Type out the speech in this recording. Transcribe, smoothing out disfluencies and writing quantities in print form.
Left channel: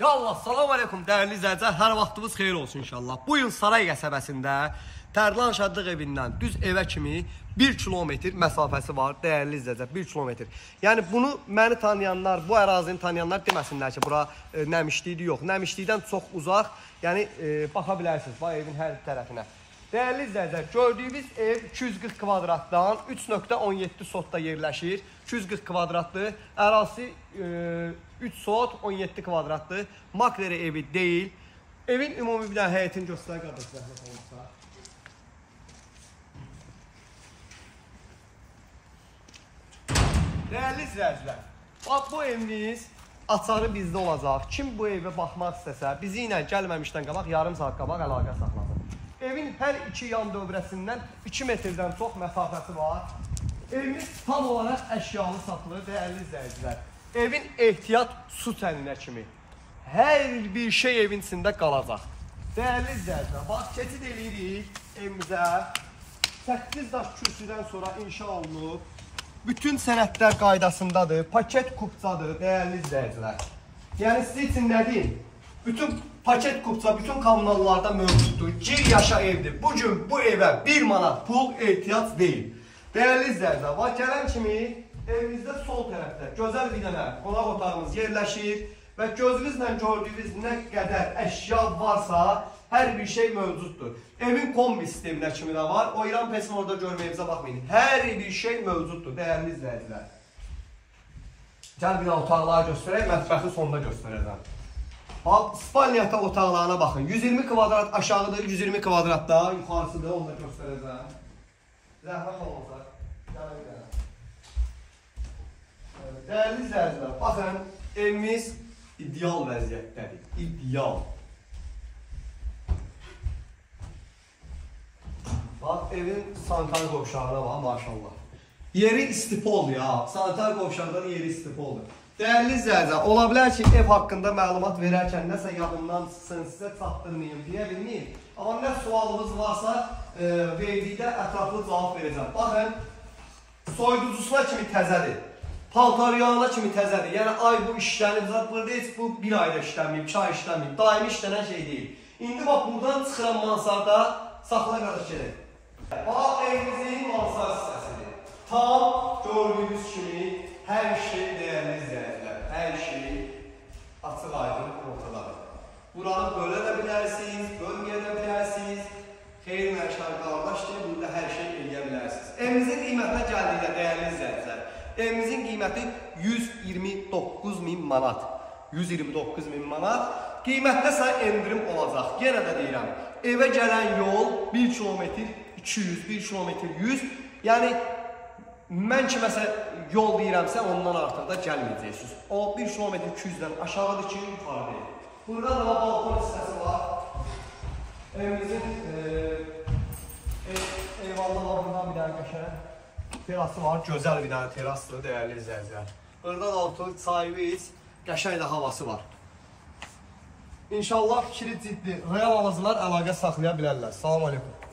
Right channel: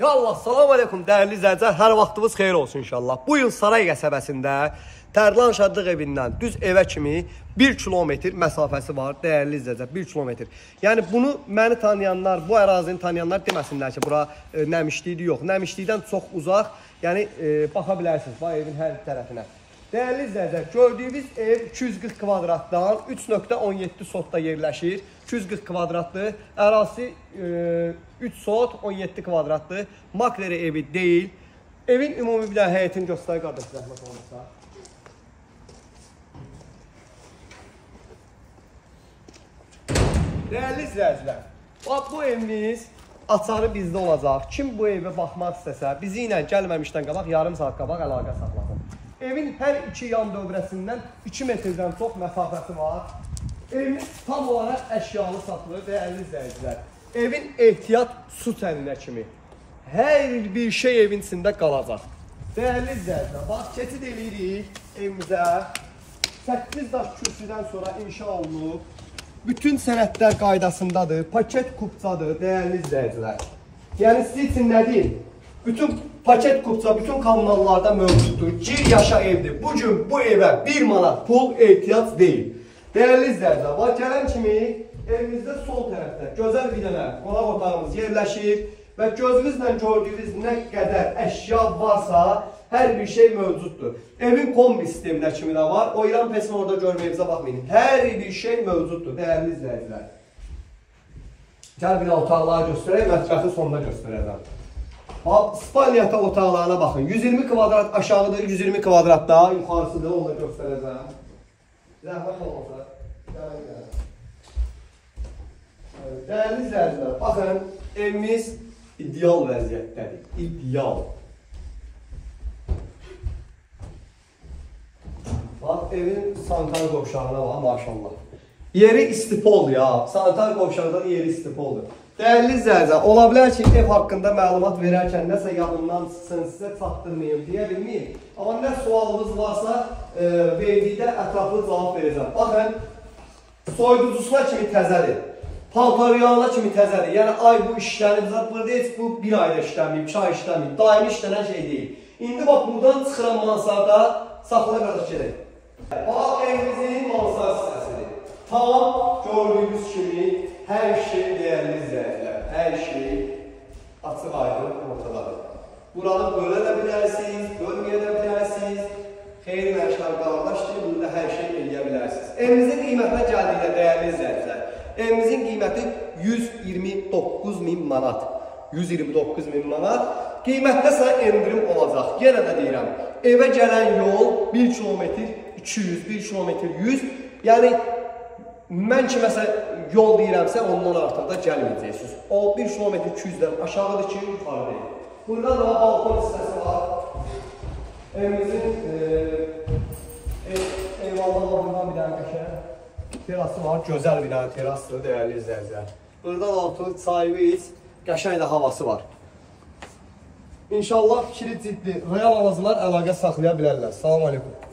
Ya Allah, salam aleykum dəyərli izləyicilər, hər vaxtınız xeyir olsun inşallah. Bu yıl Saray qəsəbəsində Tərlan Şadlıq evindən düz evə kimi 1 kilometr məsafəsi var, dəyərli izləyicilər, 1 kilometr. Yəni bunu məni tanıyanlar, bu ərazini tanıyanlar deməsinlər ki, bura Nəmişlikdir, yox. Nəmişlikdən çox uzaq, yəni baxa bilərsiniz, bu evin hər tərəfinə. Dəyərli izləyicilər, gördüyünüz ev 240 kvadratdan 3.17 sotda yerləşir. 240 kvadratdır, ərazisi 3 sot, 17 kvadratdır. Makleri evi deyil. Evin ümumi bir dənə həyətini göstərir qardaş, zəhmət olmasa. Dəyərli izləyicilər, bax bu evimiz açarı bizdə olacaq. Kim bu evə baxmaq istəsə, bizi ilə gəlməmişdən qabaq yarım saat qabaq əlaqə saxlasın. Evin hər iki yan dövrəsindən 2 metrdən çox məsafəsi var. Evimiz tam olaraq əşyalı satılır, dəyərli izləyicilər. Evin ehtiyat su təninə kimi hər bir şey evin içində qalacaq. Dəyərli izləyicilər, bax keçid eləyirik evimizə. 8 daş kürsüdən sonra inşa olunub. Bütün sənədlər qaydasındadır, paket kupçadır, dəyərli izləyicilər. Yəni sizin üçün nə deyim? Bütün paket kupça, bütün kanallarda mövcuddur. Gir yaşa evdir. Bugün bu evə 1 manat pul ehtiyac deyil. Dəyərli izləyicilər, bax gələn kimi evimizdə sol tərəfdə gözəl bir dənə qonaq otağımız yerləşir və gözünüzlə gördüyünüz nə qədər əşya varsa hər bir şey mövcuddur. Evin kombi sisteminə kimi də var. O İran pesini orada görməyimizə baxmayın. Hər bir şey mövcuddur, dəyərli izləyicilər. Gəl bir otaqları göstərək, mətbəxi sonunda göstərəcəm. Spalniyata otaqlarına baxın. 120 kvadrat aşağıdır, 120 kvadrat daha yuxarısıdır, onu da göstərəcəm. Zəhmət olmasa. Dəyərli izləyicilər, baxın, evimiz ideal vəziyyətdədir. İdeal. Bax, evin sanitar qovşağına bax, maşallah. Yeri istipoldur ya. Sanitar qovşağında yeri istipoldur. Dəyərli izləyicilər, ola bilər ki, ev haqqında məlumat verərkən nəsə yadından çıxsın, sizə çatdırmayım, deyə bilməyim. Amma nə sualınız varsa, verdikdə ətraflı cavab verəcəm. Baxın, soyuducusuna kimi təzədir, paltaryana kimi təzədir. Yəni, ay bu işlənib, burada heç bu 1 ayda işlənməyib, 2 ay işlənməyib, daimi işlənən şey deyil. İndi bax, buradan çıxıran mansarda saxla qardaş gedək. Bax, evimizin mansar səsidir. Tam gördüyünüz kimi, hər şey dəyərli izləyicilər, hər şey açıq aydın ortadadır. Buranı bölə də bilərsiniz, bölməyə də bilərsiniz. Xeyr məşğəl qardaşdır, burada hər şey eləyə bilərsiniz. Evimizin qiymətinə gəldikdə dəyərli izləyicilər, evimizin qiyməti 129.000 manat. 129.000 manat. Qiymətdə sənə endirim olacaq. Yenə də deyirəm, evə gələn yol 1 kilometr 200, 1 kilometr 100. Yəni, mən kiməsə yol deyirəmsə, ondan artıq da gəlməyəcəksiniz. O 1 kilometr 200-dən aşağıdır ki, yuxarı deyil. Burada da balkon hissəsi var. Evimizin eyvallarından bir dənə qəşəng terası var. Gözəl bir dənə terasdır, dəyərli izləyicilər. Buradan altı sahibiyiz, qəşəng də havası var. İnşallah fikri ciddi, real alıcılar əlaqə saxlaya bilərlər. Salam aleykum.